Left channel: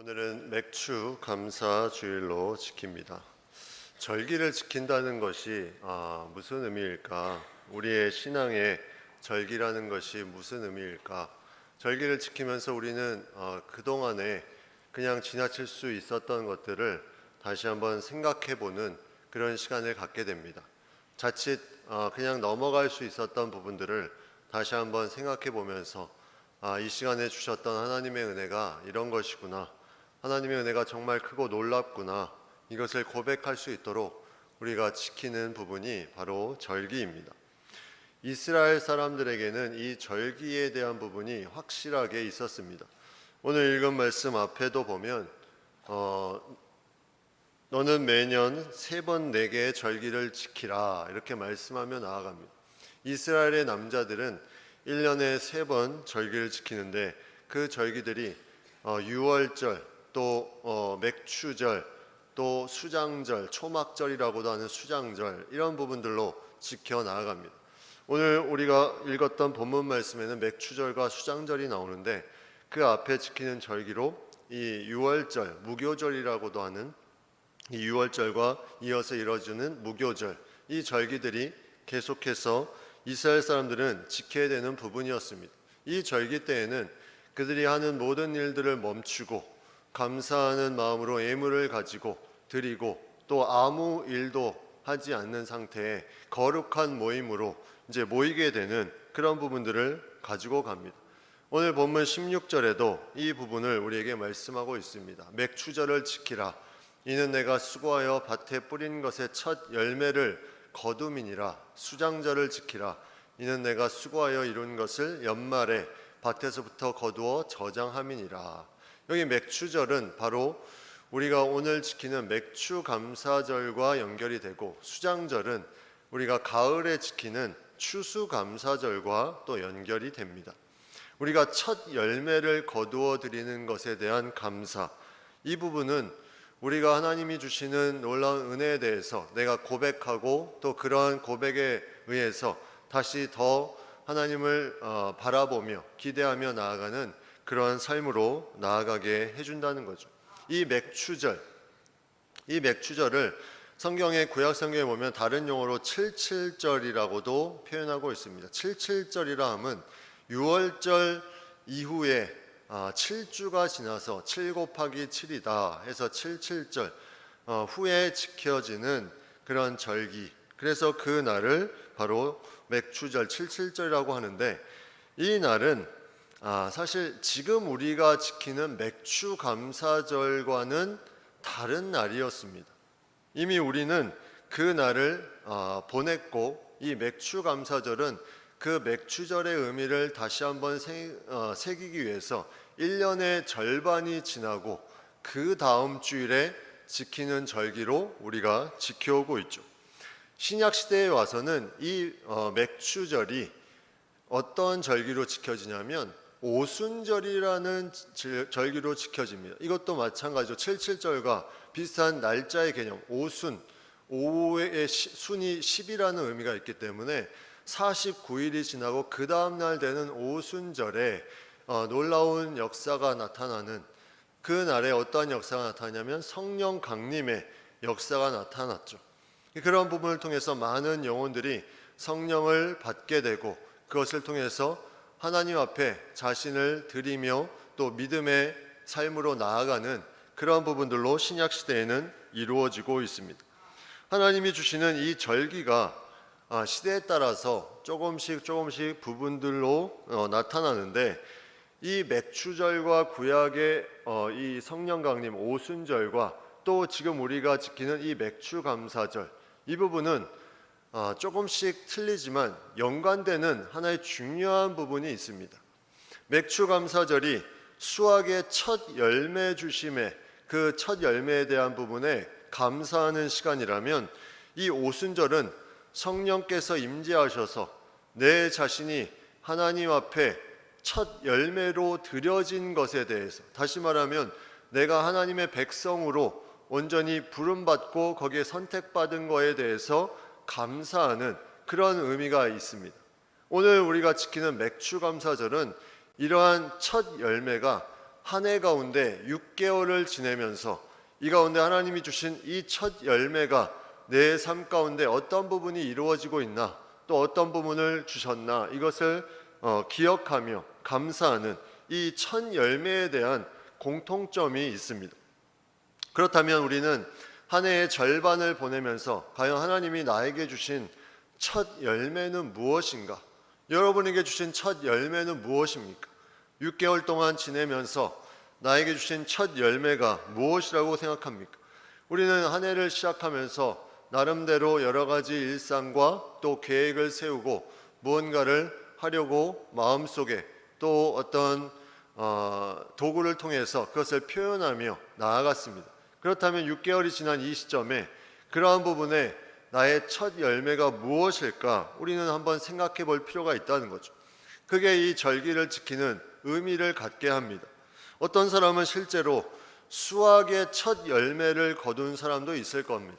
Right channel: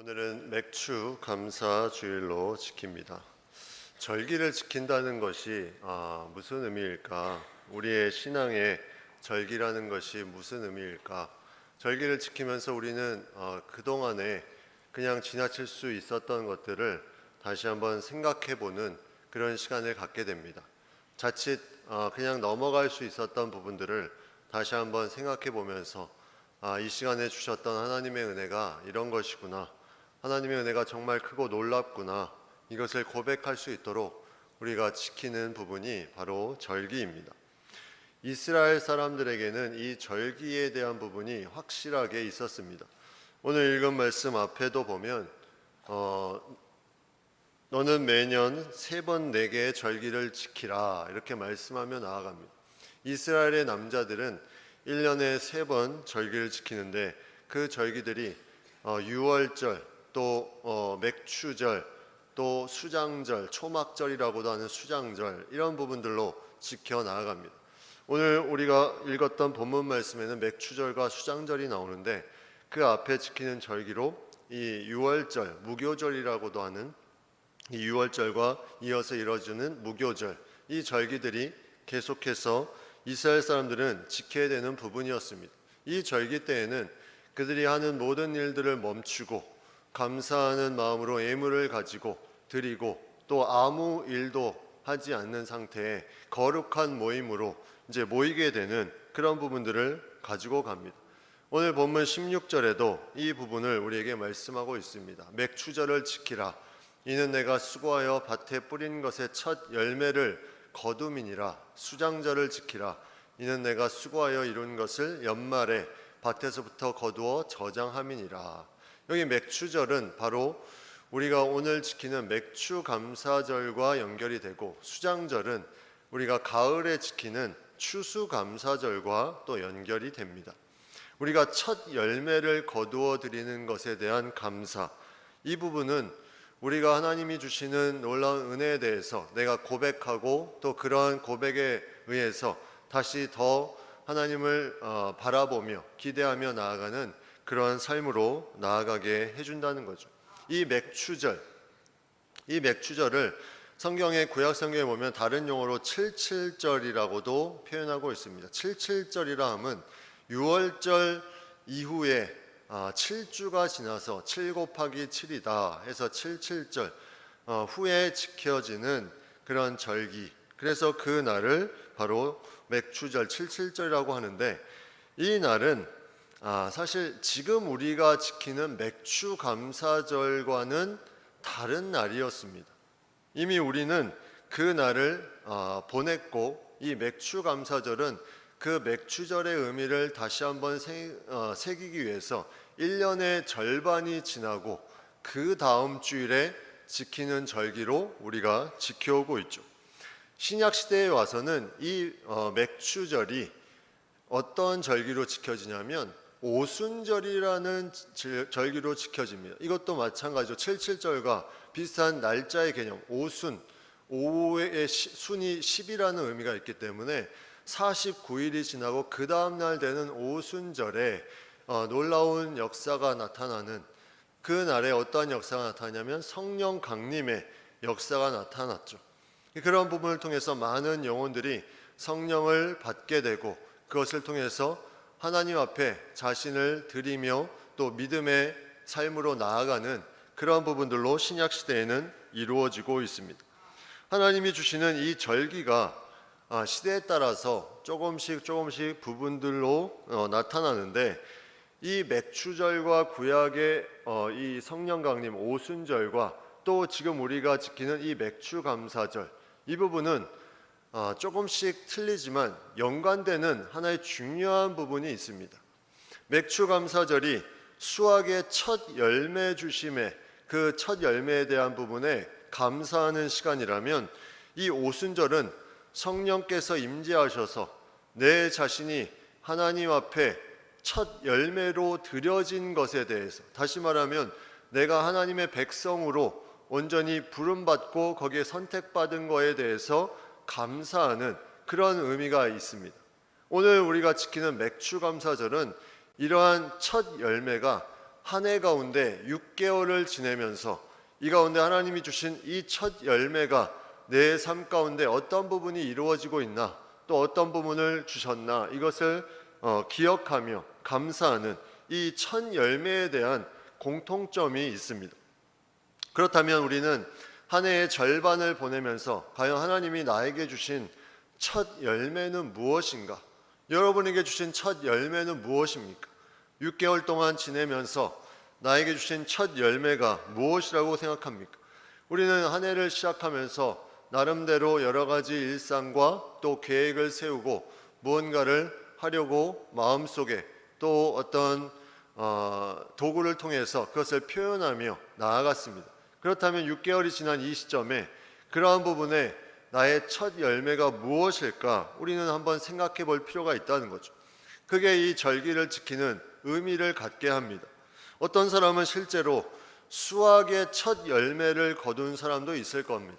오늘은 맥추 감사 주일로 지킵니다. 절기를 지킨다는 것이 무슨 의미일까? 우리의 신앙에 절기라는 것이 무슨 의미일까? 절기를 지키면서 우리는 그동안에 그냥 지나칠 수 있었던 것들을 다시 한번 생각해보는 그런 시간을 갖게 됩니다. 자칫 그냥 넘어갈 수 있었던 부분들을 다시 한번 생각해보면서 이 시간에 주셨던 하나님의 은혜가 이런 것이구나. 하나님의 은혜가 정말 크고 놀랍구나. 이것을 고백할 수 있도록 우리가 지키는 부분이 바로 절기입니다. 이스라엘 사람들에게는 이 절기에 대한 부분이 확실하게 있었습니다. 오늘 읽은 말씀 앞에도 보면 너는 매년 3번 4개의 절기를 지키라 이렇게 말씀하며 나아갑니다. 이스라엘의 남자들은 1년에 3번 절기를 지키는데 그 절기들이 유월절, 또 맥추절, 또 수장절, 초막절이라고도 하는 수장절, 이런 부분들로 지켜 나아갑니다. 오늘 우리가 읽었던 본문 말씀에는 맥추절과 수장절이 나오는데 그 앞에 지키는 절기로 이 유월절, 무교절이라고도 하는 이 유월절과 이어서 이뤄지는 무교절, 이 절기들이 계속해서 이스라엘 사람들은 지켜야 되는 부분이었습니다. 이 절기 때에는 그들이 하는 모든 일들을 멈추고 감사하는 마음으로 예물을 가지고 드리고 또 아무 일도 하지 않는 상태에 거룩한 모임으로 이제 모이게 되는 그런 부분들을 가지고 갑니다. 오늘 본문 16절에도 이 부분을 우리에게 말씀하고 있습니다. 맥추절을 지키라. 이는 내가 수고하여 밭에 뿌린 것의 첫 열매를 거둠이니라. 수장절을 지키라. 이는 내가 수고하여 이룬 것을 연말에 밭에서부터 거두어 저장함이니라. 여기 맥추절은 바로 우리가 오늘 지키는 맥추 감사절과 연결이 되고, 수장절은 우리가 가을에 지키는 추수 감사절과 또 연결이 됩니다. 우리가 첫 열매를 거두어 드리는 것에 대한 감사, 이 부분은 우리가 하나님이 주시는 놀라운 은혜에 대해서 내가 고백하고 또 그러한 고백에 의해서 다시 더 하나님을 바라보며 기대하며 나아가는 그러한 삶으로 나아가게 해준다는 거죠. 이 맥추절을 성경의 구약 성경에 보면 다른 용어로 77절이라고도 표현하고 있습니다. 77절이라 함은 6월절 이후에 7주가 지나서 7 곱하기 7이다 해서 77절 후에 지켜지는 그런 절기, 그래서 그 날을 바로 맥추절 77절이라고 하는데, 이 날은 사실 지금 우리가 지키는 맥추 감사절과는 다른 날이었습니다. 이미 우리는 그 날을 보냈고, 이 맥추 감사절은 그 맥추절의 의미를 다시 한번 새기기 위해서 1년의 절반이 지나고 그 다음 주일에 지키는 절기로 우리가 지켜오고 있죠. 신약 시대에 와서는 이 맥추절이 어떤 절기로 지켜지냐면 오순절이라는 절기로 지켜집니다. 이것도 마찬가지로 77절과 비슷한 날짜의 개념, 오순, 오의 순이 10이라는 의미가 있기 때문에 49일이 지나고 그 다음 날 되는 오순절에 놀라운 역사가 나타나는, 그 날에 어떠한 역사가 나타나냐면 성령 강림의 역사가 나타났죠. 그런 부분을 통해서 많은 영혼들이 성령을 받게 되고, 그것을 통해서 하나님 앞에 자신을 드리며 또 믿음의 삶으로 나아가는 그런 부분들로 신약 시대에는 이루어지고 있습니다. 하나님이 주시는 이 절기가 시대에 따라서 조금씩 부분들로 나타나는데, 이 맥추절과 구약의 이 성령 강림 오순절과 또 지금 우리가 지키는 이 맥추 감사절, 이 부분은 조금씩 틀리지만 연관되는 하나의 중요한 부분이 있습니다. 맥추 감사절이 수확의 첫 열매 주심의 그 첫 열매에 대한 부분에 감사하는 시간이라면, 이 오순절은 성령께서 임재하셔서 내 자신이 하나님 앞에 첫 열매로 드려진 것에 대해서, 다시 말하면 내가 하나님의 백성으로 온전히 부름받고 거기에 선택받은 것에 대해서 감사하는 그런 의미가 있습니다. 오늘 우리가 지키는 맥추 감사절은 이러한 첫 열매가 한 해 가운데 6개월을 지내면서 이 가운데 하나님이 주신 이 첫 열매가 내 삶 가운데 어떤 부분이 이루어지고 있나, 또 어떤 부분을 주셨나, 이것을 기억하며 감사하는 이 첫 열매에 대한 공통점이 있습니다. 그렇다면 우리는 한 해의 절반을 보내면서 과연 하나님이 나에게 주신 첫 열매는 무엇인가? 여러분에게 주신 첫 열매는 무엇입니까? 6개월 동안 지내면서 나에게 주신 첫 열매가 무엇이라고 생각합니까? 우리는 한 해를 시작하면서 나름대로 여러 가지 일상과 또 계획을 세우고 무언가를 하려고 마음속에 또 어떤 도구를 통해서 그것을 표현하며 나아갔습니다. 그렇다면 6개월이 지난 이 시점에 그러한 부분에 나의 첫 열매가 무엇일까? 우리는 한번 생각해 볼 필요가 있다는 거죠. 그게 이 절기를 지키는 의미를 갖게 합니다. 어떤 사람은 실제로 수학의 첫 열매를 거둔 사람도 있을 겁니다.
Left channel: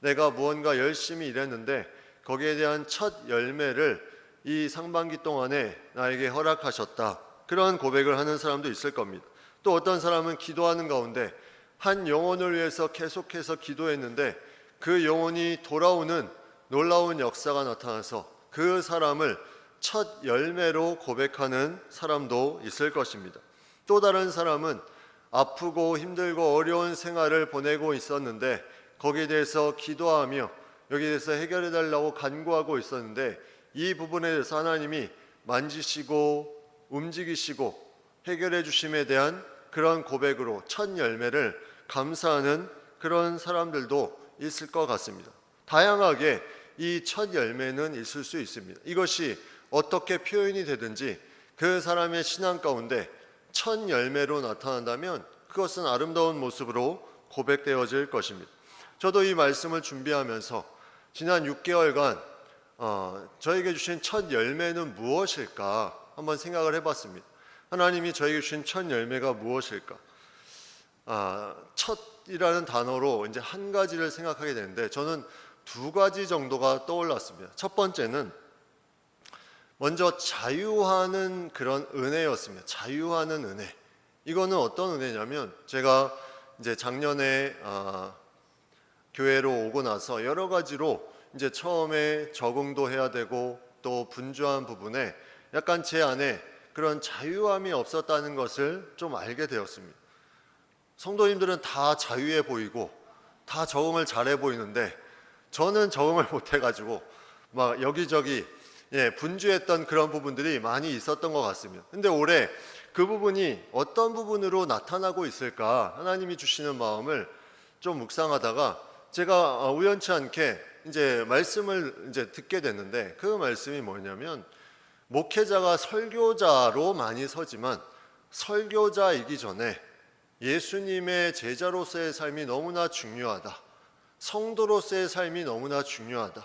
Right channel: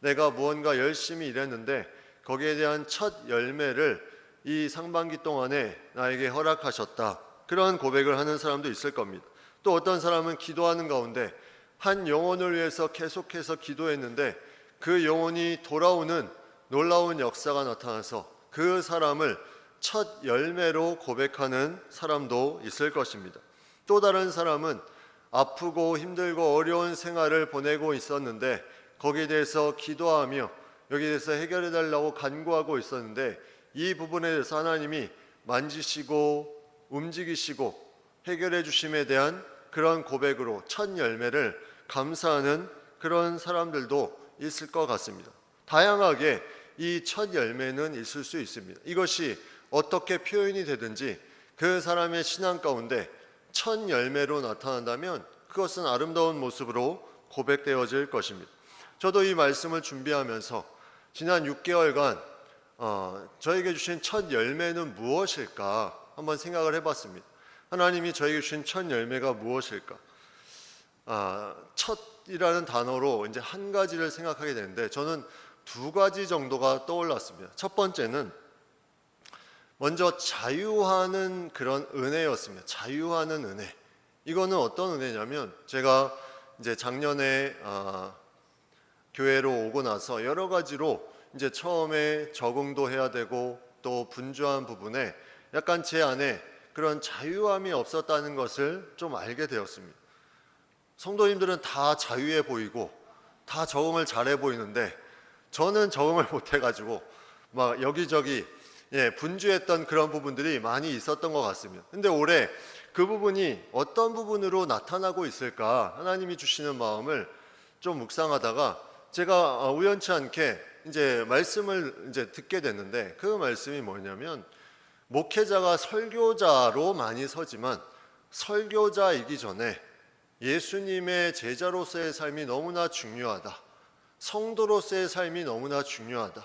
내가 무언가 열심히 일했는데 거기에 대한 첫 열매를 이 상반기 동안에 나에게 허락하셨다. 그런 고백을 하는 사람도 있을 겁니다. 또 어떤 사람은 기도하는 가운데 한 영혼을 위해서 계속해서 기도했는데 그 영혼이 돌아오는 놀라운 역사가 나타나서 그 사람을 첫 열매로 고백하는 사람도 있을 것입니다. 또 다른 사람은 아프고 힘들고 어려운 생활을 보내고 있었는데 거기에 대해서 기도하며 여기에 대해서 해결해 달라고 간구하고 있었는데 이 부분에 대해서 하나님이 만지시고 움직이시고 해결해 주심에 대한 그런 고백으로 첫 열매를 감사하는 그런 사람들도 있을 것 같습니다. 다양하게 이 첫 열매는 있을 수 있습니다. 이것이 어떻게 표현이 되든지 그 사람의 신앙 가운데 첫 열매로 나타난다면 그것은 아름다운 모습으로 고백되어질 것입니다. 저도 이 말씀을 준비하면서 지난 6개월간 저에게 주신 첫 열매는 무엇일까 한번 생각을 해봤습니다. 하나님이 저에게 주신 첫 열매가 무엇일까? 첫이라는 단어로 이제 한 가지를 생각하게 되는데 저는 두 가지 정도가 떠올랐습니다. 첫 번째는 먼저 자유하는 그런 은혜였습니다. 자유하는 은혜. 이거는 어떤 은혜냐면 제가 이제 작년에 교회로 오고 나서 여러 가지로 이제 처음에 적응도 해야 되고 또 분주한 부분에 약간 제 안에 그런 자유함이 없었다는 것을 좀 알게 되었습니다. 성도님들은 다 자유해 보이고 다 적응을 잘해 보이는데 저는 적응을 못 해가지고 막 여기저기 분주했던 그런 부분들이 많이 있었던 것 같습니다. 근데 올해 그 부분이 어떤 부분으로 나타나고 있을까 하나님이 주시는 마음을 좀 묵상하다가 제가 우연치 않게 이제 말씀을 이제 듣게 됐는데 그 말씀이 뭐냐면 목회자가 설교자로 많이 서지만 설교자이기 전에 예수님의 제자로서의 삶이 너무나 중요하다. 성도로서의 삶이 너무나 중요하다.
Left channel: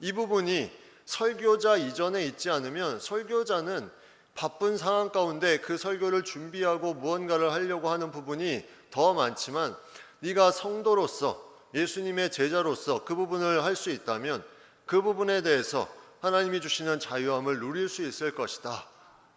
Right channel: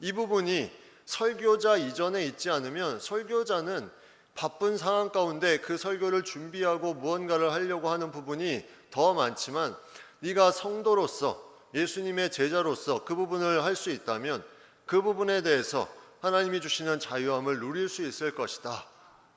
이 부분이 설교자 이전에 있지 않으면 설교자는 바쁜 상황 가운데 그 설교를 준비하고 무언가를 하려고 하는 부분이 더 많지만 네가 성도로서 예수님의 제자로서 그 부분을 할 수 있다면 그 부분에 대해서 하나님이 주시는 자유함을 누릴 수 있을 것이다.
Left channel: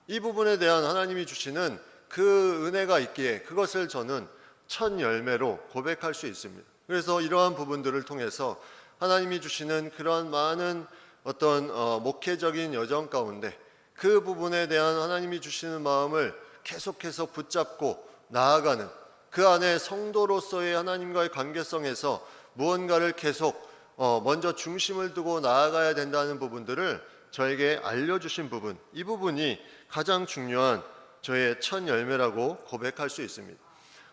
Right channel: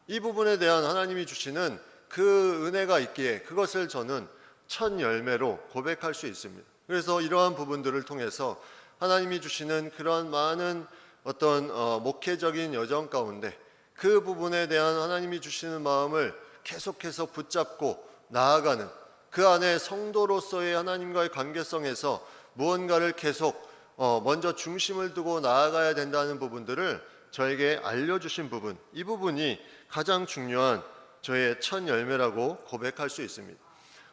이 부분에 대한 하나님이 주시는 그 은혜가 있기에 그것을 저는 첫 열매로 고백할 수 있습니다. 그래서 이러한 부분들을 통해서 하나님이 주시는 그러한 많은 어떤 목회적인 여정 가운데 그 부분에 대한 하나님이 주시는 마음을 계속해서 붙잡고 나아가는 그 안에 성도로서의 하나님과의 관계성에서 무언가를 계속 먼저 중심을 두고 나아가야 된다는 부분들을 저에게 알려주신 부분, 이 부분이 가장 중요한 저의 첫 열매라고 고백할 수 있습니다.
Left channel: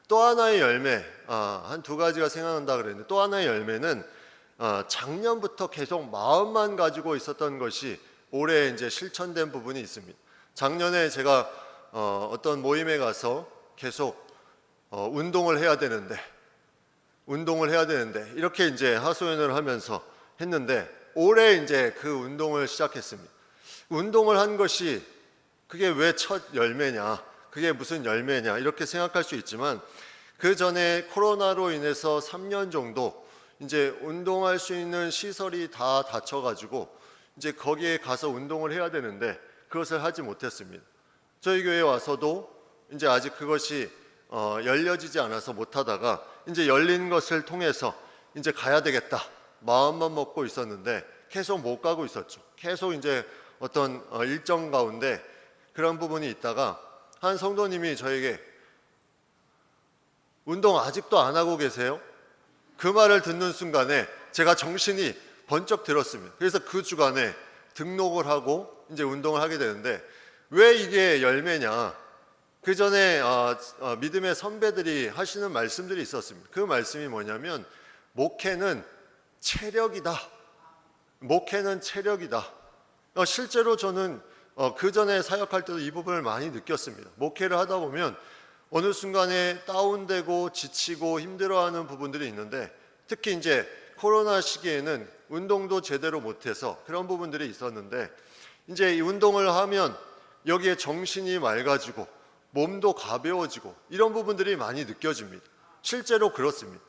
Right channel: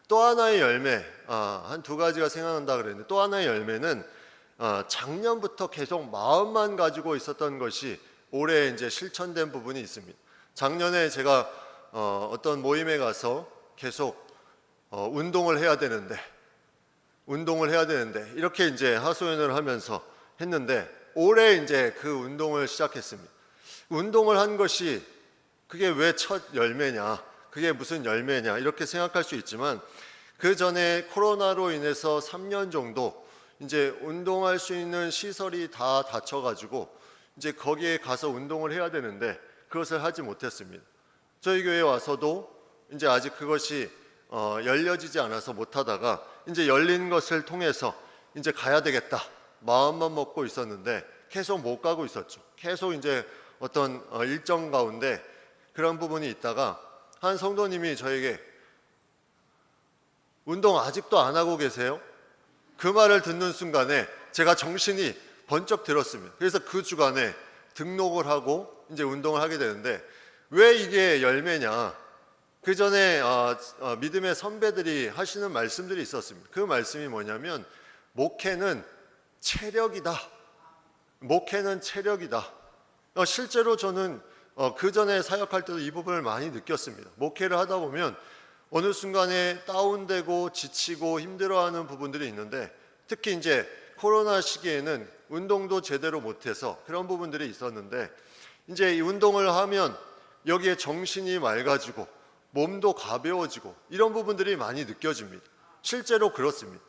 또 하나의 열매, 한 두 가지가 생각난다 그랬는데 또 하나의 열매는 작년부터 계속 마음만 가지고 있었던 것이 올해 이제 실천된 부분이 있습니다. 작년에 제가 어떤 모임에 가서 계속 운동을 해야 되는데 이렇게 이제 하소연을 하면서 했는데 올해 이제 그 운동을 시작했습니다. 운동을 한 것이 그게 왜 첫 열매냐, 그게 무슨 열매냐 이렇게 생각할 수 있지만 그 전에 코로나로 인해서 3년 정도 이제 운동할 수 있는 시설이 다 닫혀가지고 이제 거기에 가서 운동을 해야 되는데 그것을 하지 못했습니다. 저희 교회에 와서도 이제 아직 그것이 열려지지 않아서 못하다가 이제 열린 것을 통해서 이제 가야 되겠다 마음만 먹고 있었는데 계속 못 가고 있었죠. 계속 이제 어떤 일정 가운데 그런 부분이 있다가 한 성도님이 저에게 운동 아직도 안 하고 계세요? 그 말을 듣는 순간에 제가 정신이 번쩍 들었습니다. 그래서 그 주간에 등록을 하고 이제 운동을 하게 되는데 왜 이게 열매냐? 그 전에 믿음의 선배들이 하시는 말씀들이 있었습니다. 그 말씀이 뭐냐면 목회는 체력이다. 목회는 체력이다. 실제로 저는 그 전에 사역할 때도 이 부분을 많이 느꼈습니다. 목회를 하다 보면 어느 순간에 다운되고 지치고 힘들어하는 부분들이 있는데 특히 이제 코로나 시기에는 운동도 제대로 못해서 그런 부분들이 있었는데 이제 이 운동을 하면 여기에 정신이 맑아지고 몸도 가벼워지고 이런 부분들이 많이 느껴집니다. 실제로 그렇습니다.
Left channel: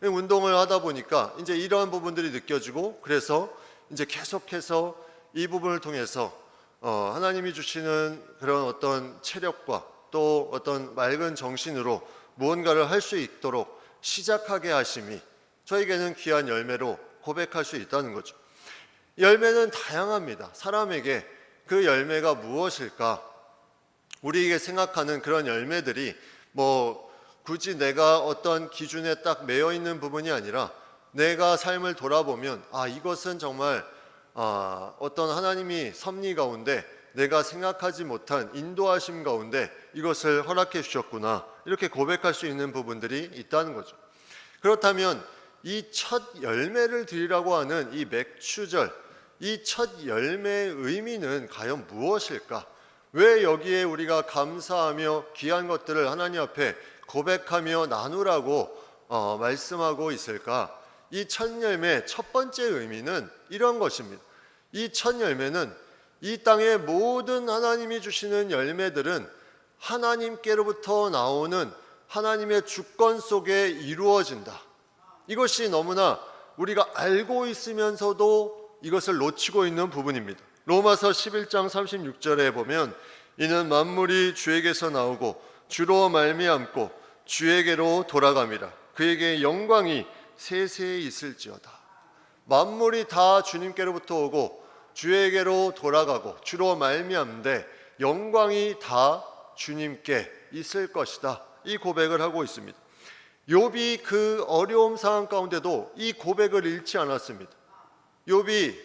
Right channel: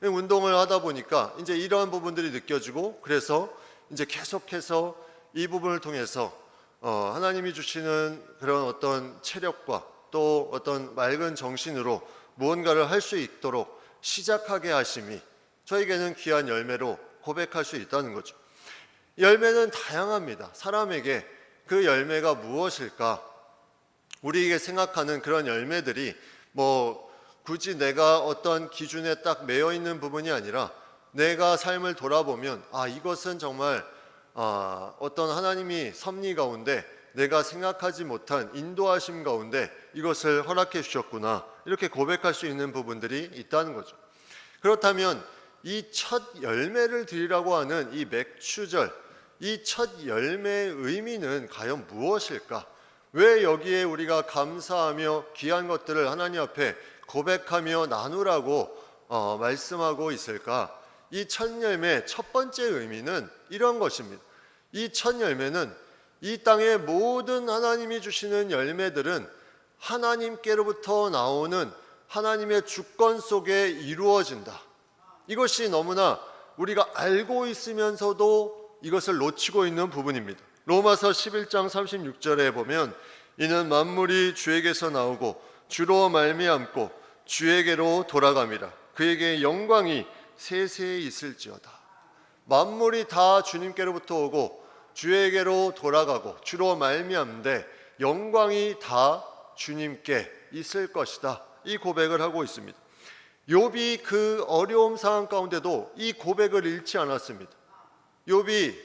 운동을 하다 보니까 이제 이러한 부분들이 느껴지고 그래서 이제 계속해서 이 부분을 통해서 하나님이 주시는 그런 어떤 체력과 또 어떤 맑은 정신으로 무언가를 할 수 있도록 시작하게 하심이 저에게는 귀한 열매로 고백할 수 있다는 거죠. 열매는 다양합니다. 사람에게 그 열매가 무엇일까? 우리에게 생각하는 그런 열매들이 굳이 내가 어떤 기준에 딱 매여 있는 부분이 아니라 내가 삶을 돌아보면 이것은 정말 어떤 하나님이 섭리 가운데 내가 생각하지 못한 인도하심 가운데 이것을 허락해 주셨구나 이렇게 고백할 수 있는 부분들이 있다는 거죠. 그렇다면 이 첫 열매를 드리라고 하는 이 맥추절, 이 첫 열매의 의미는 과연 무엇일까? 왜 여기에 우리가 감사하며 귀한 것들을 하나님 앞에 고백하며 나누라고 말씀하고 있을까? 이 첫 열매 첫 번째 의미는 이런 것입니다. 이 첫 열매는 이 땅의 모든 하나님이 주시는 열매들은 하나님께로부터 나오는 하나님의 주권 속에 이루어진다. 이것이 너무나 우리가 알고 있으면서도 이것을 놓치고 있는 부분입니다. 로마서 11장 36절에 보면 이는 만물이 주에게서 나오고 주로 말미암고 주에게로 돌아갑니다. 그에게 영광이 세세히 있을지어다. 만물이 다 주님께로부터 오고 주에게로 돌아가고 주로 말미암는데 영광이 다 주님께 있을 것이다. 이 고백을 하고 있습니다. 욥이 그 어려움 상황 가운데도 이 고백을 잃지 않았습니다. 욥이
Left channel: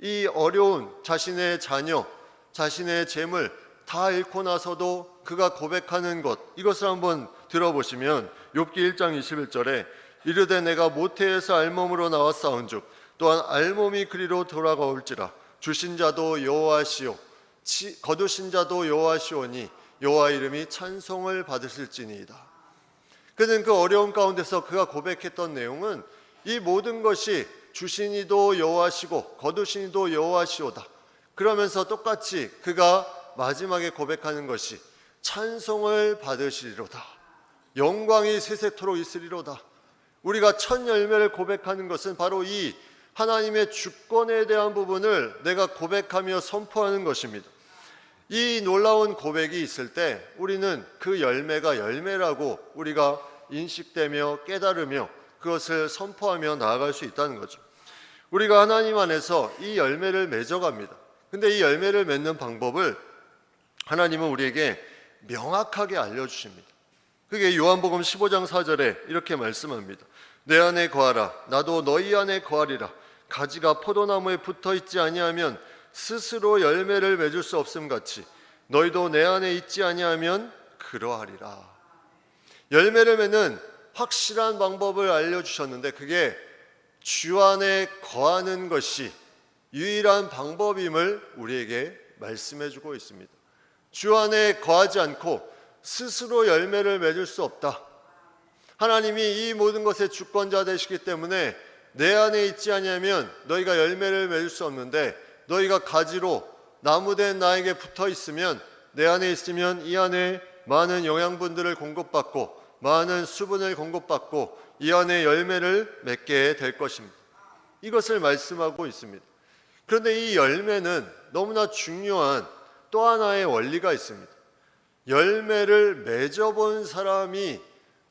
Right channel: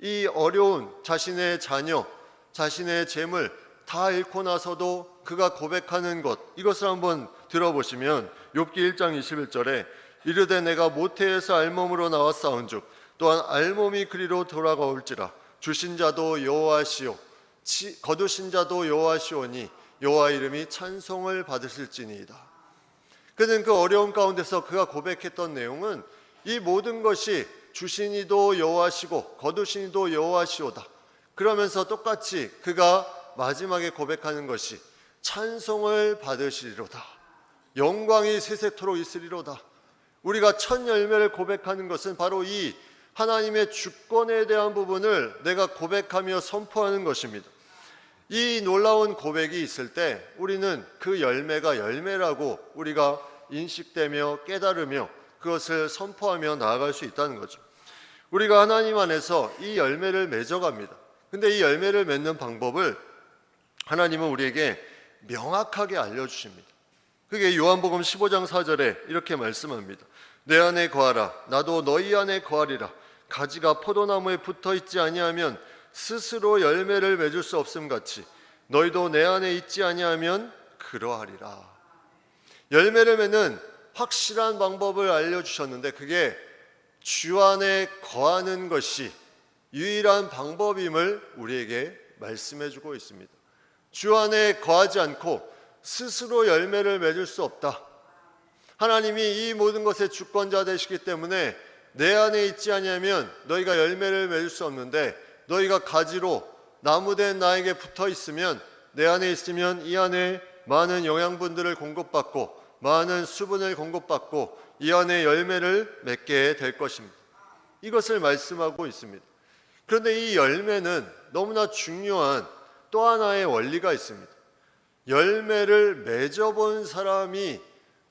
이 어려운 자신의 자녀, 자신의 재물 다 잃고 나서도 그가 고백하는 것, 이것을 한번 들어보시면 욥기 1장 21절에 이르되 내가 모태에서 알몸으로 나왔사온즉 또한 알몸이 그리로 돌아가올지라 주신 자도 여호와시오 거두신 자도 여호와시오니 여호와 이름이 찬송을 받으실지니이다. 그는 그 어려움 가운데서 그가 고백했던 내용은 이 모든 것이 주신 이도 여호와시고 거두신 이도 여호와시오다. 그러면서 똑같이 그가 마지막에 고백하는 것이 찬송을 받으시리로다. 영광이 세세토록 있으리로다. 우리가 첫 열매를 고백하는 것은 바로 이 하나님의 주권에 대한 부분을 내가 고백하며 선포하는 것입니다. 이 놀라운 고백이 있을 때 우리는 그 열매가 열매라고 우리가 인식되며 깨달으며 그것을 선포하며 나아갈 수 있다는 거죠. 우리가 하나님 안에서 이 열매를 맺어갑니다. 근데 이 열매를 맺는 방법을 하나님은 우리에게 명확하게 알려주십니다. 그게 요한복음 15장 4절에 이렇게 말씀합니다. 내 안에 거하라 나도 너희 안에 거하리라. 가지가 포도나무에 붙어있지 아니하면 스스로 열매를 맺을 수 없음 같이 너희도 내 안에 있지 아니하면 그러하리라. 열매를 맺는 확실한 방법을 알려주셨는데 그게 주 안에 거하는 것이 유일한 방법임을 우리에게 말씀해주고 있습니다. 주 안에 거하지 않고 스스로 열매를 맺을 수 없다. 하나님이 이 모든 것의 주권자 되시기 때문에 내 안에 있지 아니하면 너희가 열매를 맺을 수 없는데 너희가 가지로 나무된 나에게 붙어 있으면 내 안에 있으면 이 안에 많은 영양분들을 공급받고 많은 수분을 공급받고 이 안에 열매를 맺게 될 것입니다. 이것을 말씀하고 있습니다. 그런데 이 열매는 너무나 중요한 또 하나의 원리가 있습니다. 열매를 맺어본 사람이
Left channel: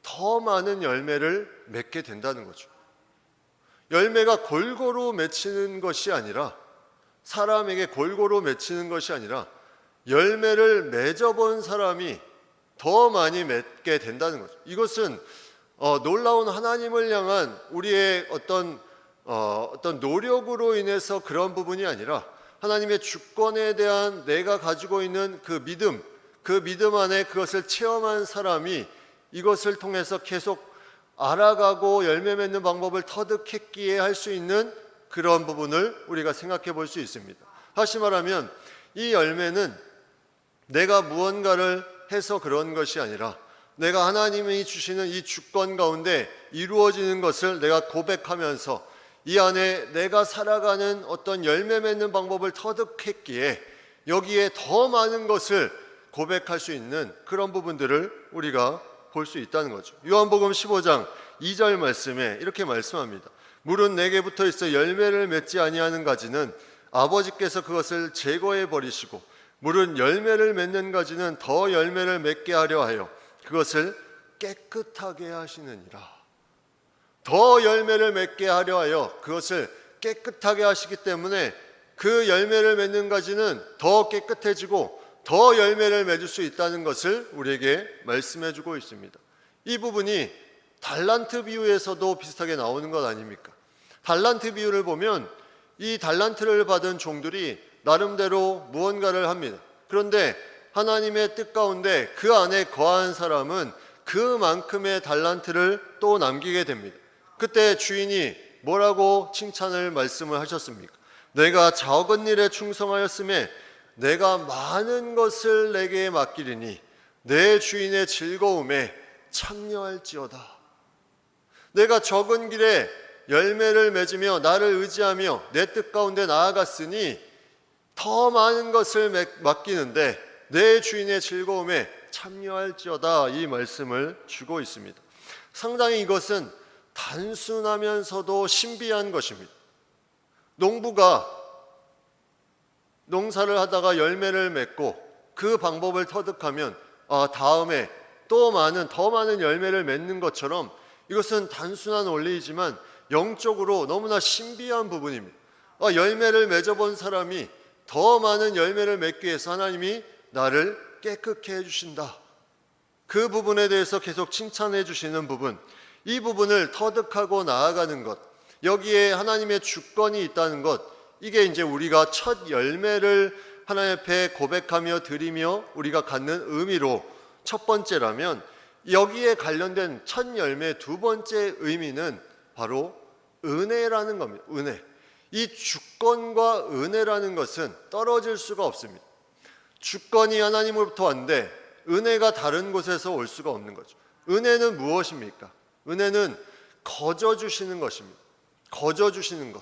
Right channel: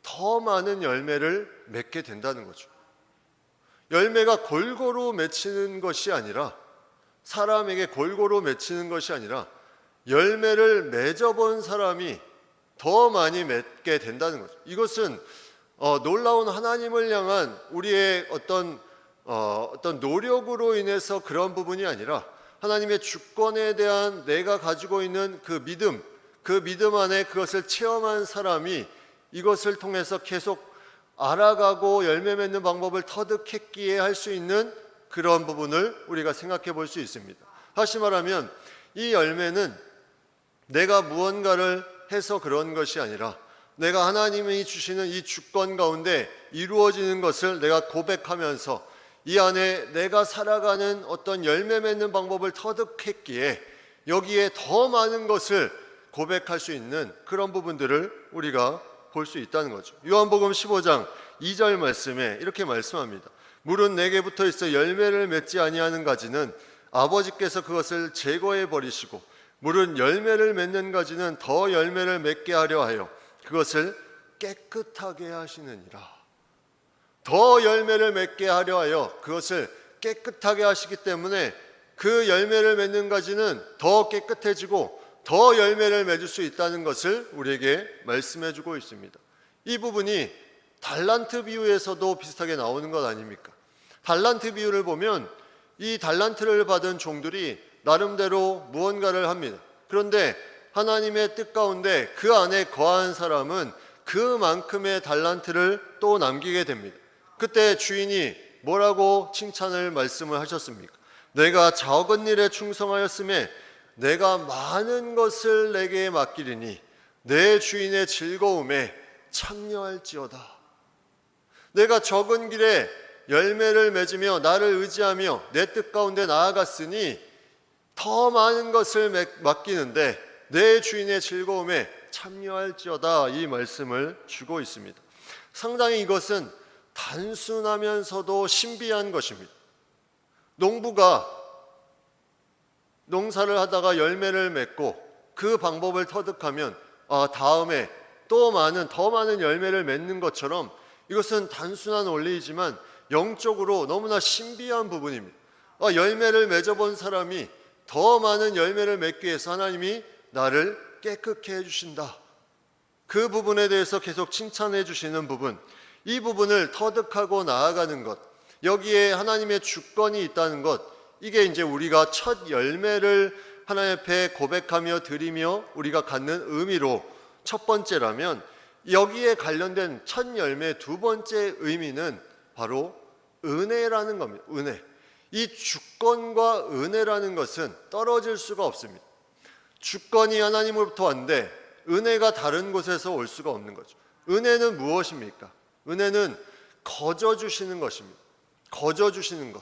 더 많은 열매를 맺게 된다는 거죠. 열매가 골고루 맺히는 것이 아니라, 사람에게 골고루 맺히는 것이 아니라 열매를 맺어본 사람이 더 많이 맺게 된다는 거죠. 이것은 놀라운 하나님을 향한 우리의 어떤 노력으로 인해서 그런 부분이 아니라 하나님의 주권에 대한 내가 가지고 있는 그 믿음 안에 그것을 체험한 사람이 이것을 통해서 계속 알아가고 열매 맺는 방법을 터득했기에 할 수 있는 그런 부분을 우리가 생각해 볼 수 있습니다. 다시 말하면 이 열매는 내가 무언가를 해서 그런 것이 아니라 내가 하나님이 주시는 이 주권 가운데 이루어지는 것을 내가 고백하면서 이 안에 내가 살아가는 어떤 열매 맺는 방법을 터득했기에 여기에 더 많은 것을 고백할 수 있는 그런 부분들을 우리가 볼 수 있다는 거죠. 요한복음 15장 2절 말씀에 이렇게 말씀합니다. 물은 내게 붙어 있어 열매를 맺지 아니하는 가지는 아버지께서 그것을 제거해 버리시고 물은 열매를 맺는 가지는 더 열매를 맺게 하려 하여 그것을 깨끗하게 하시느니라. 더 열매를 맺게 하려 하여 그것을 깨끗하게 하시기 때문에 그 열매를 맺는 가지는 더 깨끗해지고 더 열매를 맺을 수 있다는 것을 우리에게 말씀해 주고 있습니다. 이 부분이 달란트 비유에서도 비슷하게 나오는 것 아닙니까? 달란트 비유를 보면 이 달란트를 받은 종들이 나름대로 무언가를 합니다. 그런데 하나님의 뜻 가운데 그 안에 거한 사람은 그만큼의 달란트를 또 남기게 됩니다. 그때 주인이 뭐라고 칭찬을 말씀을 하셨습니까? 내가 적은 일에 충성하였음에 내가 많은 것을 내게 맡기리니 내 주인의 즐거움에 참여할지어다. 내가 적은 길에 열매를 맺으며 나를 의지하며 내 뜻 가운데 나아갔으니 더 많은 것을 맡기는데 내 주인의 즐거움에 참여할지어다, 이 말씀을 주고 있습니다. 상당히 이것은 단순하면서도 신비한 것입니다. 농부가 농사를 하다가 열매를 맺고 그 방법을 터득하면 다음에 더 많은 열매를 맺는 것처럼 이것은 단순한 원리이지만 영적으로 너무나 신비한 부분입니다. 열매를 맺어본 사람이 더 많은 열매를 맺기 위해서 하나님이 나를 깨끗게 해주신다. 그 부분에 대해서 계속 칭찬해 주시는 부분, 이 부분을 터득하고 나아가는 것, 여기에 하나님의 주권이 있다는 것, 이게 이제 우리가 첫 열매를 하나님 앞에 고백하며 드리며 우리가 갖는 의미로 첫 번째라면, 여기에 관련된 첫 열매 두 번째 의미는 바로 은혜라는 겁니다. 은혜. 이 주권과 은혜라는 것은 떨어질 수가 없습니다. 주권이 하나님으로부터 왔는데 은혜가 다른 곳에서 올 수가 없는 거죠. 은혜는 무엇입니까? 은혜는 거저 주시는 것입니다. 거저 주시는 것.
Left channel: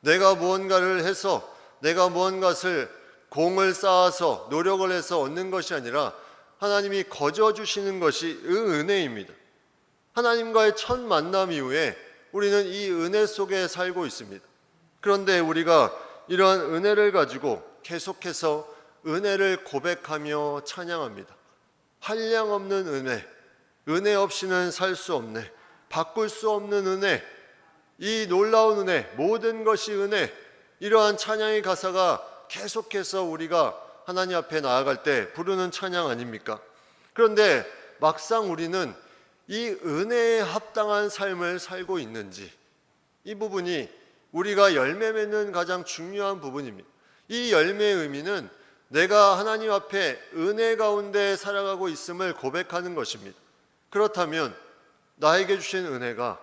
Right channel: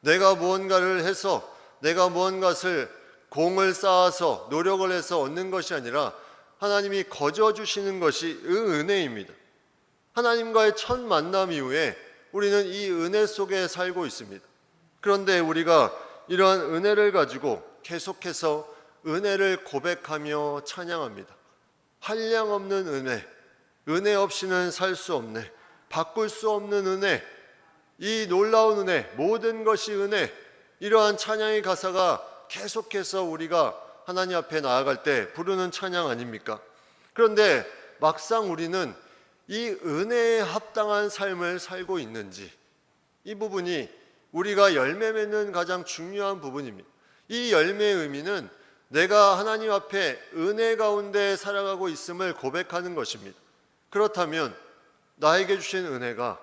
내가 무언가를 해서 내가 무언가를 공을 쌓아서 노력을 해서 얻는 것이 아니라 하나님이 거저 주시는 것이 은혜입니다. 하나님과의 첫 만남 이후에 우리는 이 은혜 속에 살고 있습니다. 그런데 우리가 이러한 은혜를 가지고 계속해서 은혜를 고백하며 찬양합니다. 한량없는 은혜, 은혜 없이는 살 수 없네, 바꿀 수 없는 은혜, 이 놀라운 은혜, 모든 것이 은혜, 이러한 찬양의 가사가 계속해서 우리가 하나님 앞에 나아갈 때 부르는 찬양 아닙니까? 그런데 막상 우리는 이 은혜에 합당한 삶을 살고 있는지, 이 부분이 우리가 열매 맺는 가장 중요한 부분입니다. 이 열매의 의미는 내가 하나님 앞에 은혜 가운데 살아가고 있음을 고백하는 것입니다. 그렇다면 나에게 주신 은혜가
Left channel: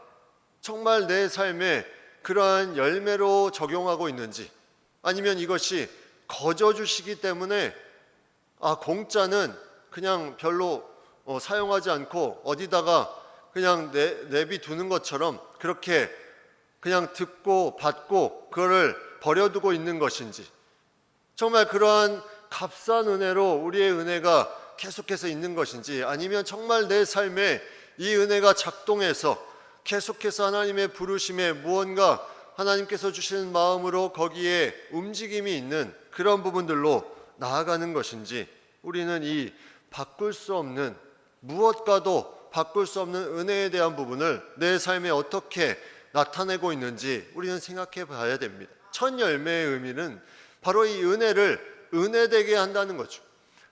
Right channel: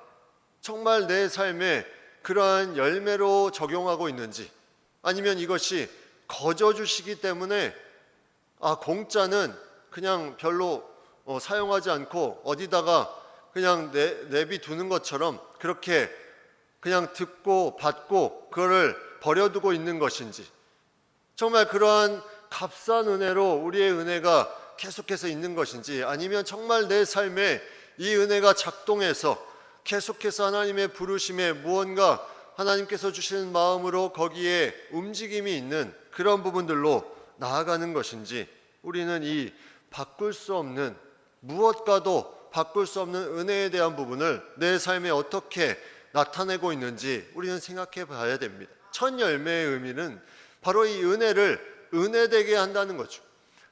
정말 내 삶에 그러한 열매로 적용하고 있는지, 아니면 이것이 거저 주시기 때문에 공짜는 그냥 별로 사용하지 않고 어디다가 그냥 내비두는 것처럼 그렇게 그냥 듣고 받고 그거를 버려두고 있는 것인지, 정말 그러한 값싼 은혜로 우리의 은혜가 계속해서 있는 것인지, 아니면 정말 내 삶에 이 은혜가 작동해서 계속해서 하나님의 부르심에 무언가 하나님께서 주시는 마음으로 거기에 움직임이 있는 그런 부분들로 나아가는 것인지, 우리는 이 바꿀 수 없는, 무엇과도 바꿀 수 없는 은혜에 대한 부분을 내 삶에 어떻게 나타내고 있는지 우리는 생각해 봐야 됩니다. 첫 열매의 의미는 바로 이 은혜를 은혜되게 한다는 거죠.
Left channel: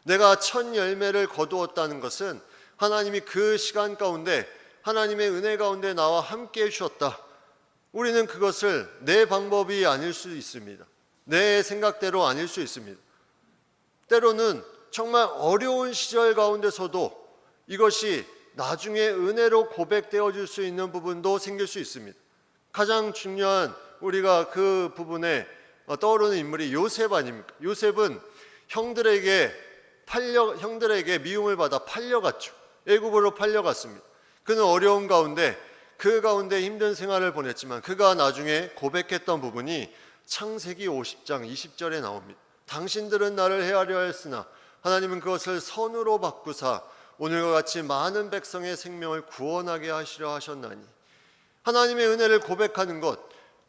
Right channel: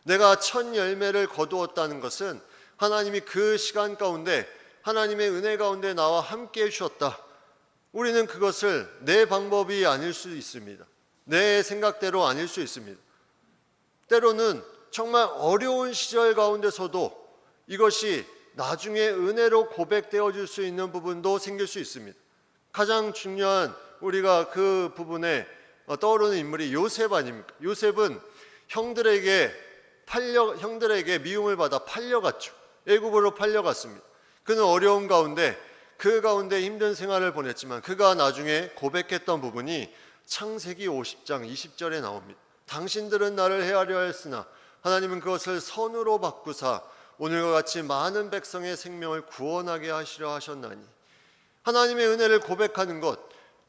내가 첫 열매를 거두었다는 것은 하나님이 그 시간 가운데 하나님의 은혜 가운데 나와 함께 해주셨다. 우리는 그것을 내 방법이 아닐 수 있습니다. 내 생각대로 아닐 수 있습니다. 때로는 정말 어려운 시절 가운데서도 이것이 나중에 은혜로 고백되어질 수 있는 부분도 생길 수 있습니다. 가장 중요한 우리가 그 부분에 떠오르는 인물이 요셉 아닙니까? 요셉은 형들에게 미움을 받아 팔려갔죠. 애굽으로 팔려갔습니다. 그는 어려움 가운데 그 가운데 힘든 생활을 보냈지만 그가 나중에 고백했던 부분이 창세기 50장 20절에 나옵니다. 당신들은 나를 헤아려 했으나 하나님은 그것을 선으로 바꾸사 오늘과 같이 많은 백성의 생명을 구원하게 하시려 하셨나니. 하나님의 은혜를 고백하는 것,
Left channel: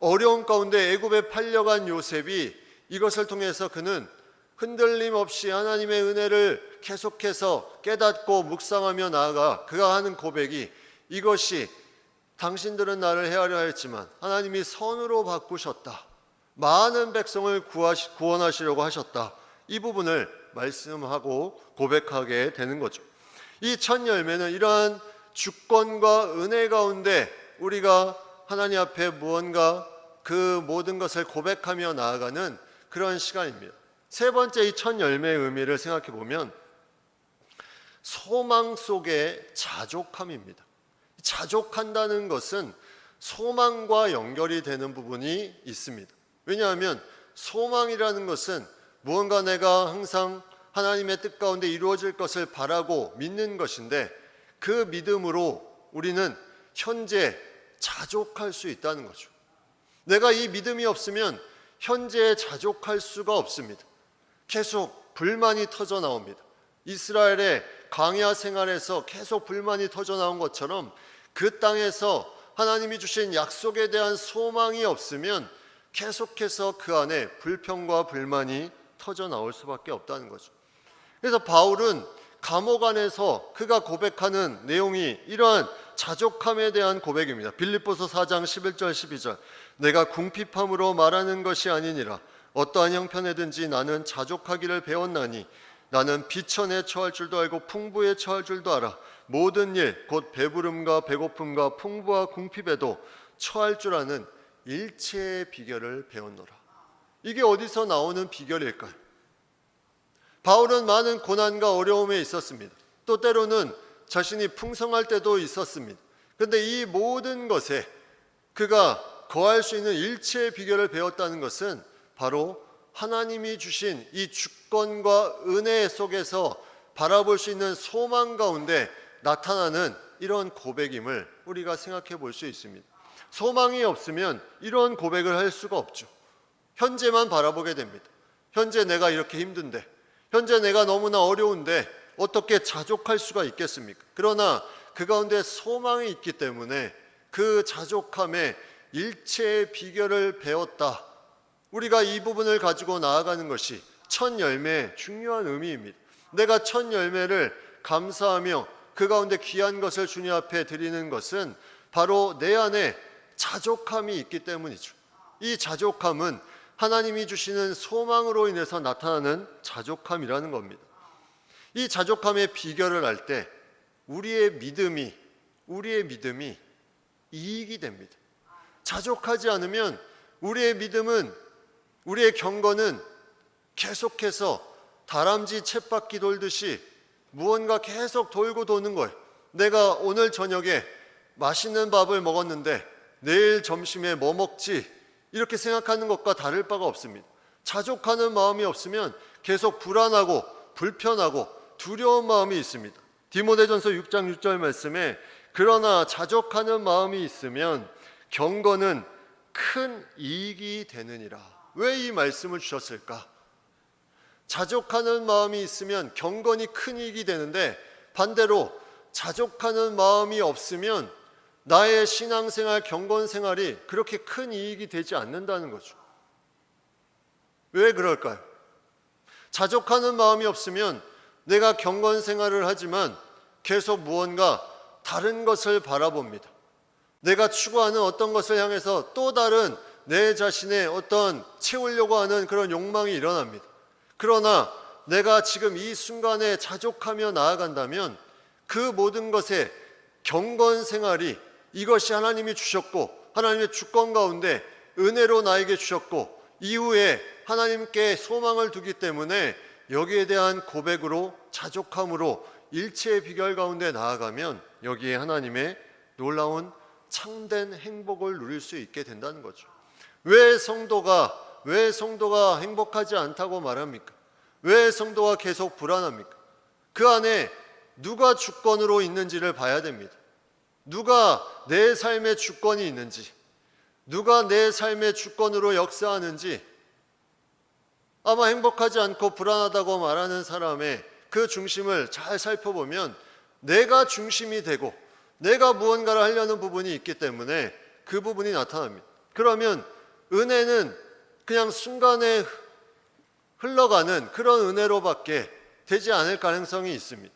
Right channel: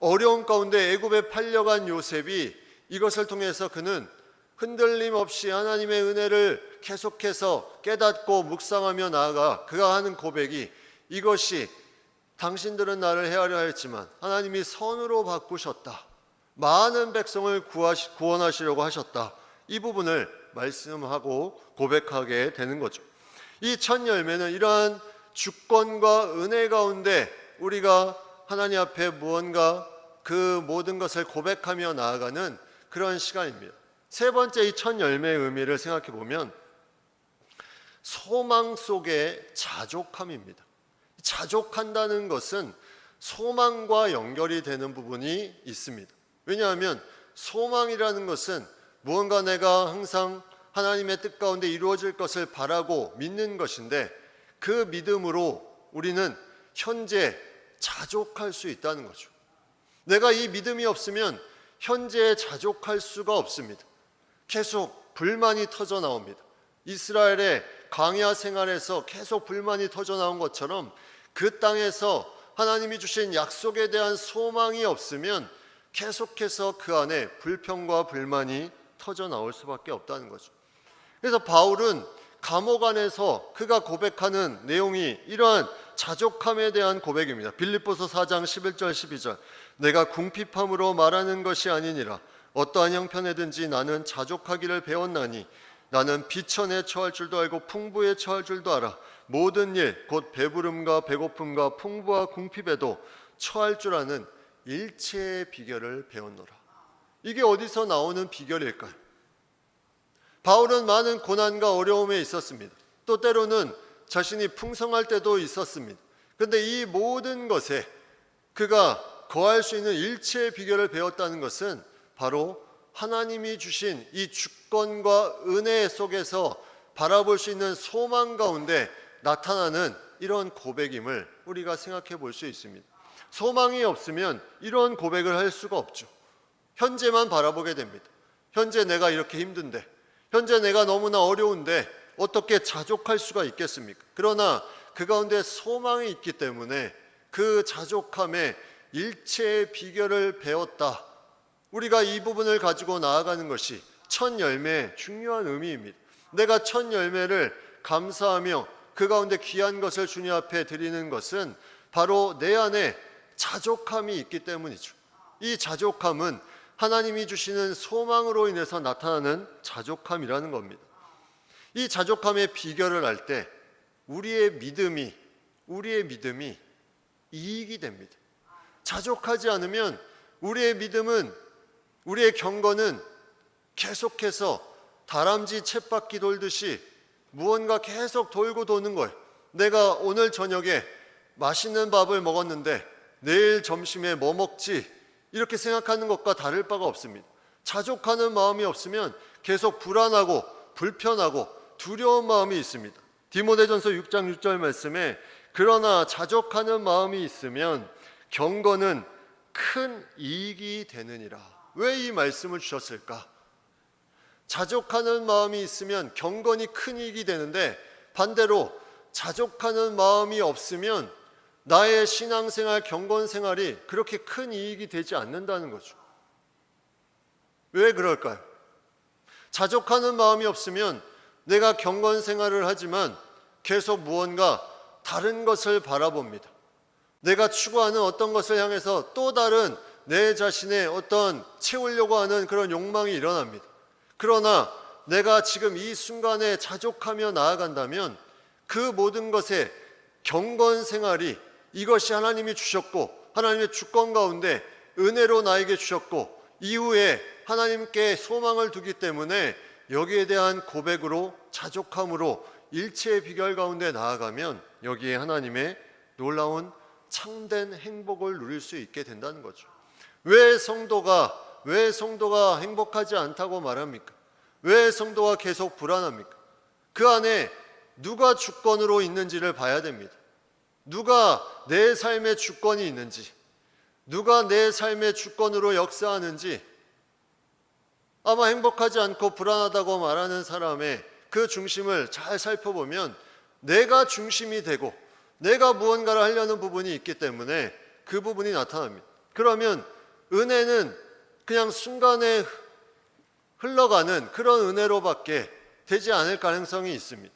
어려움 가운데 애굽에 팔려간 요셉이 이것을 통해서 그는 흔들림 없이 하나님의 은혜를 계속해서 깨닫고 묵상하며 나아가 그가 하는 고백이 이것이 당신들은 나를 헤아려 했지만 하나님이 선으로 바꾸셨다. 많은 백성을 구원하시려고 하셨다. 이 부분을 말씀하고 고백하게 되는 거죠. 이 첫 열매는 이러한 주권과 은혜 가운데 우리가 하나님 앞에 무언가 그 모든 것을 고백하며 나아가는 그런 시간입니다. 세 번째 이 첫 열매의 의미를 생각해 보면 소망 속의 자족함입니다. 자족한다는 것은 소망과 연결이 되는 부분이 있습니다. 왜냐하면 소망이라는 것은 무언가 내가 항상 하나님의 뜻 가운데 이루어질 것을 바라고 믿는 것인데 그 믿음으로 우리는 현재 자족할 수 있다는 거죠. 내가 이 믿음이 없으면 현재에 자족할 수가 없습니다. 계속 불만이 터져 나옵니다. 이스라엘의 광야 생활에서 계속 불만이 터져 나온 것처럼 그 땅에서 하나님이 주신 약속에 대한 소망이 없으면 계속해서 그 안에 불평과 불만이 터져 나올 수밖에 없다는 거죠. 그래서 바울은 감옥 안에서 그가 고백하는 내용이 이러한 자족함에 대한 고백입니다. 빌립보서 4장 11절 12절 내가 궁핍함으로 말하는 것이 아니니라 어떠한 형편에든지 나는 자족하기를 배웠나니 나는 비천에 처할 줄도 알고 풍부에 처할 줄도 알아 모든 일 곧 배부름과 배고픔과 풍부와 궁핍에도 처할 줄 아는 일체의 비결을 배웠노라. 이게 어디서 나오는 비결일까요? 바울은 많은 고난과 어려움에 있었습니다. 또 때로는 자신이 풍성할 때도 있었습니다. 그런데 이 모든 것에 그가 거할 수 있는 일체의 비결을 배웠다는 것은 바로 하나님이 주신 이 주권과 은혜 속에서 바라볼 수 있는 소망 가운데 나타나는 이런 고백임을 우리가 생각해 볼 수 있습니다. 소망이 없으면 이런 고백을 할 수가 없죠. 현재만 바라보게 됩니다. 현재 내가 이렇게 힘든데, 현재 내가 너무나 어려운데 어떻게 자족할 수가 있겠습니까? 그러나 그 가운데 소망이 있기 때문에 그 자족함의 일체의 비결을 배웠다. 우리가 이 부분을 가지고 나아가는 것이 첫 열매의 중요한 의미입니다. 내가 첫 열매를 감사하며 그 가운데 귀한 것을 주님 앞에 드리는 것은 바로 내 안에 자족함이 있기 때문이죠. 이 자족함은 하나님이 주시는 소망으로 인해서 나타나는 자족함이라는 겁니다. 이 자족함의 비결을 알 때 우리의 믿음이 이익이 됩니다. 자족하지 않으면 우리의 믿음은 우리의 경건은 계속해서 다람쥐 쳇바퀴 돌듯이 무언가 계속 돌고 도는 거예요. 내가 오늘 저녁에 맛있는 밥을 먹었는데 내일 점심에 뭐 먹지? 이렇게 생각하는 것과 다를 바가 없습니다. 자족하는 마음이 없으면 계속 불안하고 불편하고 두려운 마음이 있습니다. 디모데전서 6장 6절 말씀에 그러나 자족하는 마음이 있으면 경건은 큰 이익이 되느니라. 왜 이 말씀을 주셨을까? 자족하는 마음이 있으면 경건이 큰 이익이 되는데 반대로 자족하는 마음이 없으면 나의 신앙생활, 경건생활이 그렇게 큰 이익이 되지 않는다는 거죠. 왜 그럴까요? 자족하는 마음이 없으면 내가 경건 생활을 하지만 계속 무언가 다른 것을 바라봅니다. 내가 추구하는 어떤 것을 향해서 또 다른 내 자신의 어떤 채우려고 하는 그런 욕망이 일어납니다. 그러나 내가 지금 이 순간에 자족하며 나아간다면 그 모든 것에 경건 생활이 이것이 하나님이 주셨고 하나님의 주권 가운데 은혜로 나에게 주셨고 이후에 하나님께 소망을 두기 때문에 여기에 대한 고백으로 자족함으로 일체의 비결 가운데 나아가면 여기에 하나님의 놀라운 참된 행복을 누릴 수 있게 된다는 거죠. 왜 성도가 행복하지 않다고 말합니까? 왜 성도가 계속 불안합니까? 그 안에 누가 주권으로 있는지를 봐야 됩니다. 누가 내 삶의 주권이 있는지, 누가 내 삶의 주권으로 역사하는지, 아마 행복하지 않고 불안하다고 말하는 사람의 그 중심을 잘 살펴보면 내가 중심이 되고 내가 무언가를 하려는 부분이 있기 때문에 그 부분이 나타납니다. 그러면 은혜는 그냥 순간에 흘러가는 그런 은혜로밖에 되지 않을 가능성이 있습니다.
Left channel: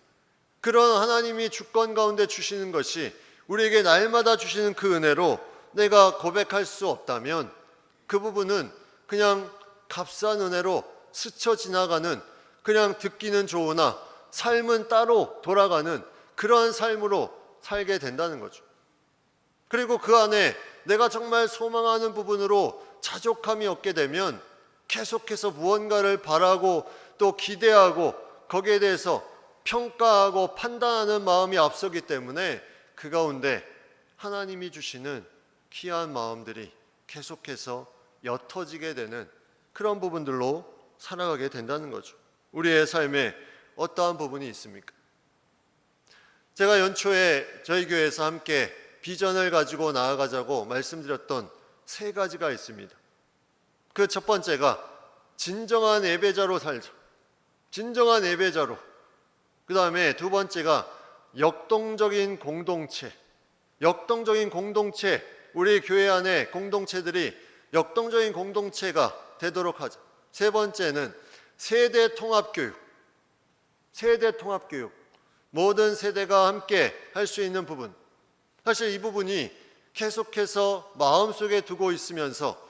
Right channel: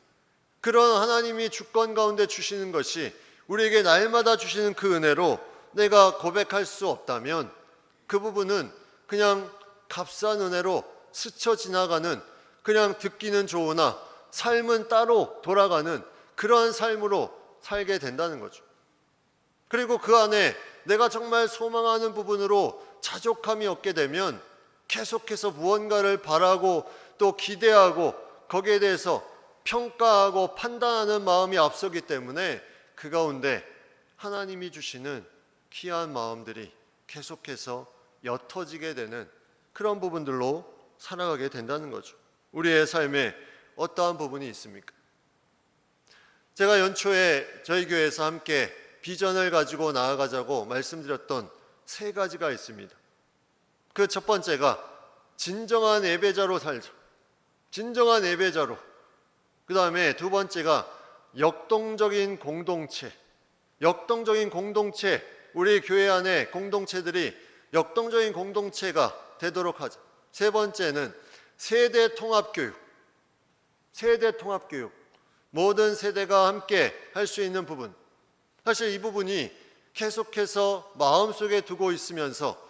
그런 하나님이 주권 가운데 주시는 것이 우리에게 날마다 주시는 그 은혜로 내가 고백할 수 없다면 그 부분은 그냥 값싼 은혜로 스쳐 지나가는, 그냥 듣기는 좋으나 삶은 따로 돌아가는 그러한 삶으로 살게 된다는 거죠. 그리고 그 안에 내가 정말 소망하는 부분으로 자족함이 없게 되면 계속해서 무언가를 바라고 또 기대하고 거기에 대해서 평가하고 판단하는 마음이 앞서기 때문에 그 가운데 하나님이 주시는 귀한 마음들이 계속해서 옅어지게 되는 그런 부분들로 살아가게 된다는 거죠. 우리의 삶에 어떠한 부분이 있습니까? 제가 연초에 저희 교회에서 함께 비전을 가지고 나아가자고 말씀드렸던 3가지가 있습니다. 그 첫 번째가 진정한 예배자로 살자. 진정한 예배자로. 그 다음에 두 번째가 역동적인 공동체. 역동적인 공동체. 우리 교회 안에 공동체들이 역동적인 공동체가 되도록 하자. 세 번째는 세대 통합교육. 세대 통합교육. 모든 세대가 함께 할 수 있는 부분. 사실 이 부분이 계속해서 마음속에 두고 있으면서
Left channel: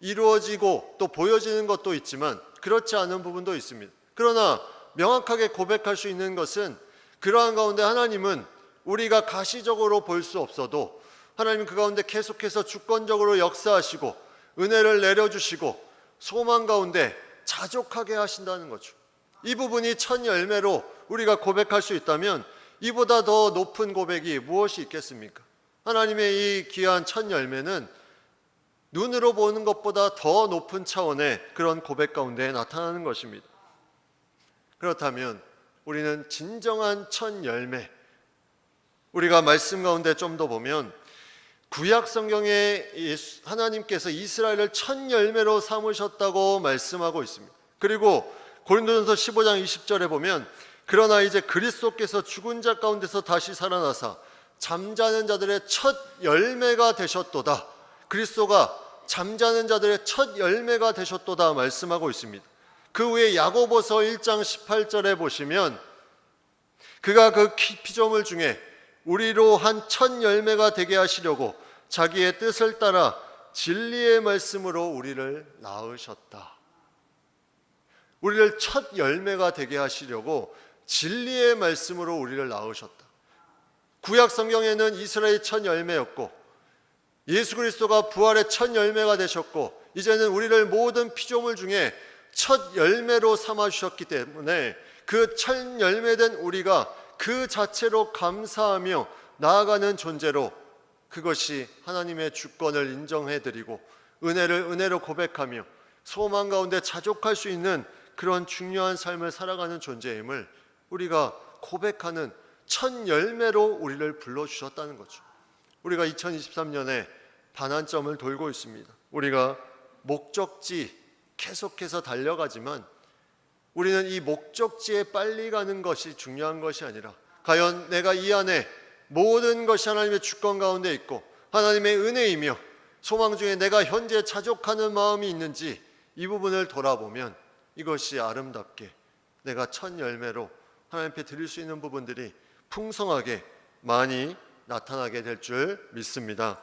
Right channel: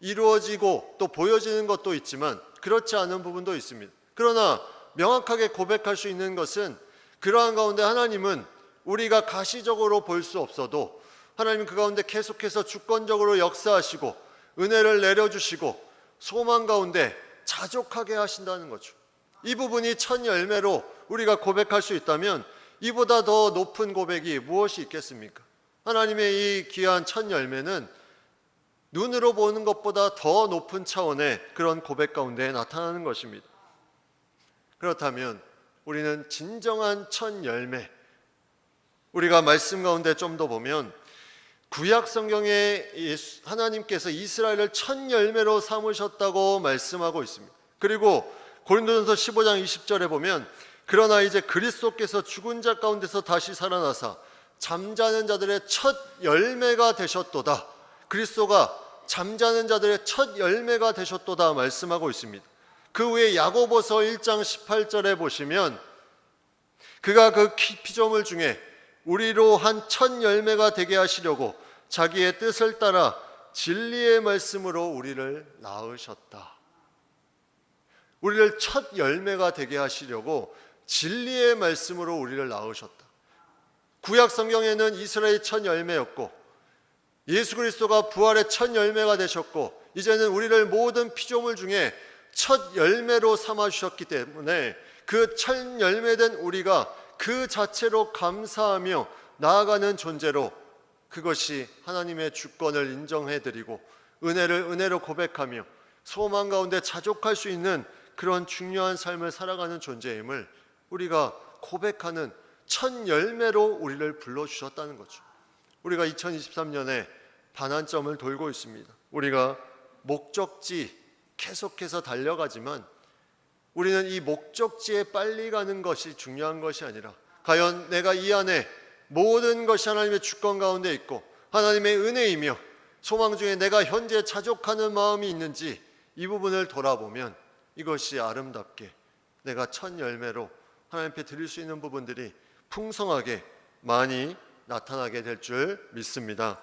이루어지고 또 보여지는 것도 있지만 그렇지 않은 부분도 있습니다. 그러나 명확하게 고백할 수 있는 것은 그러한 가운데 하나님은 우리가 가시적으로 볼 수 없어도 하나님은 그 가운데 계속해서 주권적으로 역사하시고 은혜를 내려주시고 소망 가운데 자족하게 하신다는 거죠. 이 부분이 첫 열매로 우리가 고백할 수 있다면 이보다 더 높은 고백이 무엇이 있겠습니까? 하나님의 이 귀한 첫 열매는 눈으로 보는 것보다 더 높은 차원의 그런 고백 가운데 나타나는 것입니다. 그렇다면 우리는 진정한 첫 열매, 우리가 말씀 가운데 좀 더 보면 구약 성경에 하나님께서 이스라엘을 첫 열매로 삼으셨다고 말씀하고 있습니다. 그리고 고린도전서 15장 20절에 보면 그러나 이제 그리스도께서 죽은 자 가운데서 다시 살아나사 잠자는 자들의 첫 열매가 되셨도다. 그리스도가 잠자는 자들의 첫 열매가 되셨도다 말씀하고 있습니다. 그 후에 야고보서 1장 18절에 보시면 그가 그 피조물 중에 우리로 한 첫 열매가 되게 하시려고 자기의 뜻을 따라 진리의 말씀으로 우리를 낳으셨다. 우리를 첫 열매가 되게 하시려고 진리의 말씀으로 우리를 낳으셨다. 구약 성경에는 이스라엘이 첫 열매였고 예수 그리스도가 부활의 첫 열매가 되셨고 이제는 우리를 모든 피조물 중에 첫 열매로 삼아주셨기 때문에 그 첫 열매된 우리가 그 자체로 감사하며 나아가는 존재로 그것이 하나님의 주권을 인정해드리고 은혜를 은혜로 고백하며 소망 가운데 자족할 수 있는 그런 중요한 삶을 살아가는 존재임을 우리가 고백하는 첫 열매로 우리를 불러주셨다는 거죠. 우리가 2023년에 반환점을 돌고 있습니다. 우리가 목적지 계속해서 달려가지만 우리는 이 목적지에 빨리 가는 것이 중요한 것이 아니라 과연 내가 이 안에 모든 것이 하나님의 주권 가운데 있고 하나님의 은혜이며 소망 중에 내가 현재 자족하는 마음이 있는지 이 부분을 돌아보면 이것이 아름답게 내가 첫 열매로 하나님 앞에 드릴 수 있는 부분들이 풍성하게 많이 나타나게 될 줄 믿습니다.